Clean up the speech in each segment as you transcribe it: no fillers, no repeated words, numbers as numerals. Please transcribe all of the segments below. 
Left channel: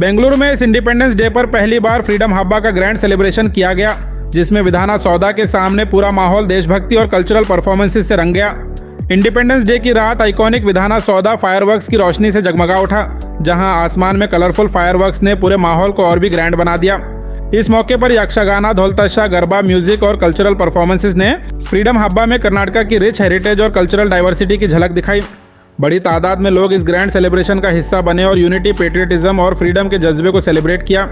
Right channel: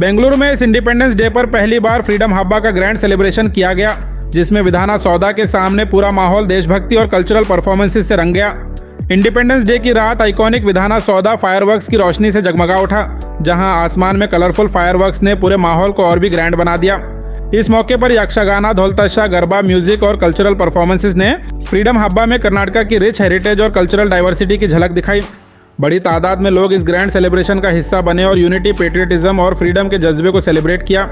बेंगलुरु में इस independence day पर पहली बार फ्रीडम हब्बा का ग्रैंड सेलिब्रेशन किया गया, जिसमें विधाना सौदा के सामने पूरा माहौल देशभक्ति और कल्चरल परफॉर्मेंसेस से रंग गया। इंडिपेंडेंस डे की रात आइकॉनिक विधाना सौदा फायरवर्क्स की रोशनी से जगमगा उठा, जहां आसमान में कलरफुल फायरवर्क्स ने पूरे माहौल को और भी ग्रैंड बना दिया। इस मौके पर यक्षगाना, ढोल-ताशा, गरबा, म्यूजिक और कल्चरल परफॉर्मेंसेस ने फ्रीडम हब्बा में कर्नाटक की रिच हेरिटेज और कल्चरल डाइवर्सिटी की झलक दिखाई। बड़ी तादाद में लोग इस ग्रैंड सेलिब्रेशन का हिस्सा बने और यूनिटी, पेट्रियटिज्म और फ्रीडम के जज्बे को सेलिब्रेट किया।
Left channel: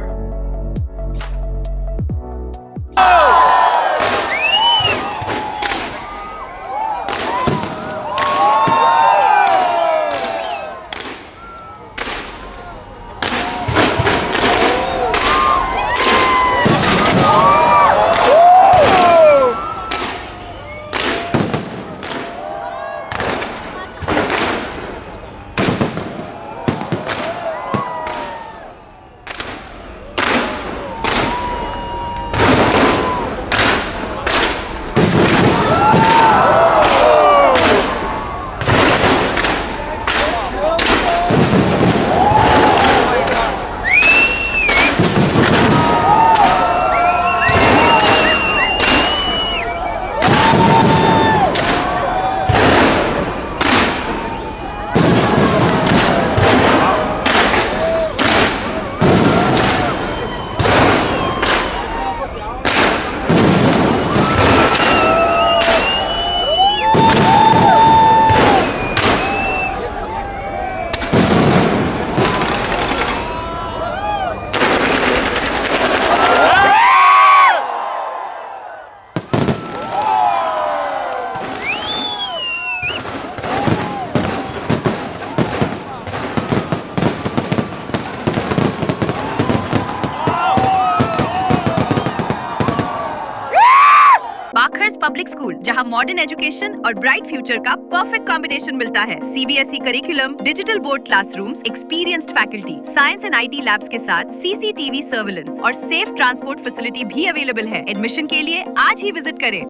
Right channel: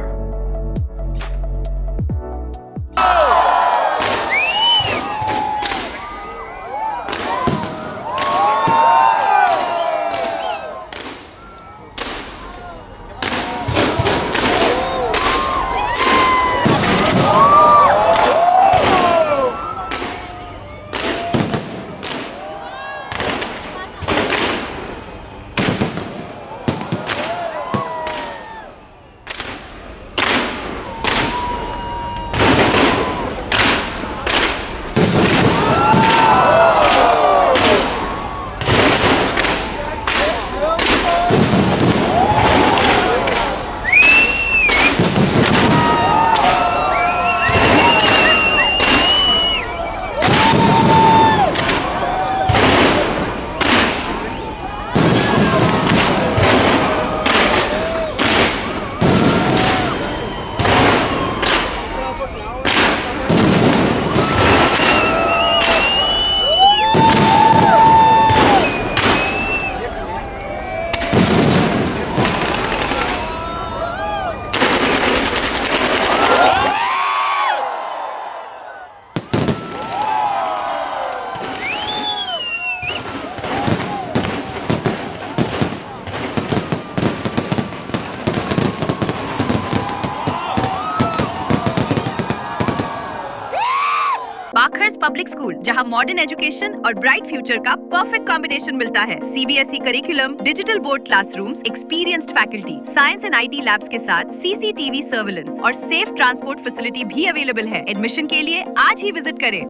बाखर्स पब्लिक स्कूल, जहां मॉडर्न एजुकेशन और ब्राइट फ्यूचर का परफेक्ट कॉम्बिनेशन मिलता है। CBSE curriculum, digital board classrooms, experienced faculty, science and IT labs के साथ सीसीटीवी सर्विलेंस और सेफ ट्रांसपोर्ट फैसिलिटी भी अवेलेबल है। एडमिशन के लिए आज ही विजिट करें।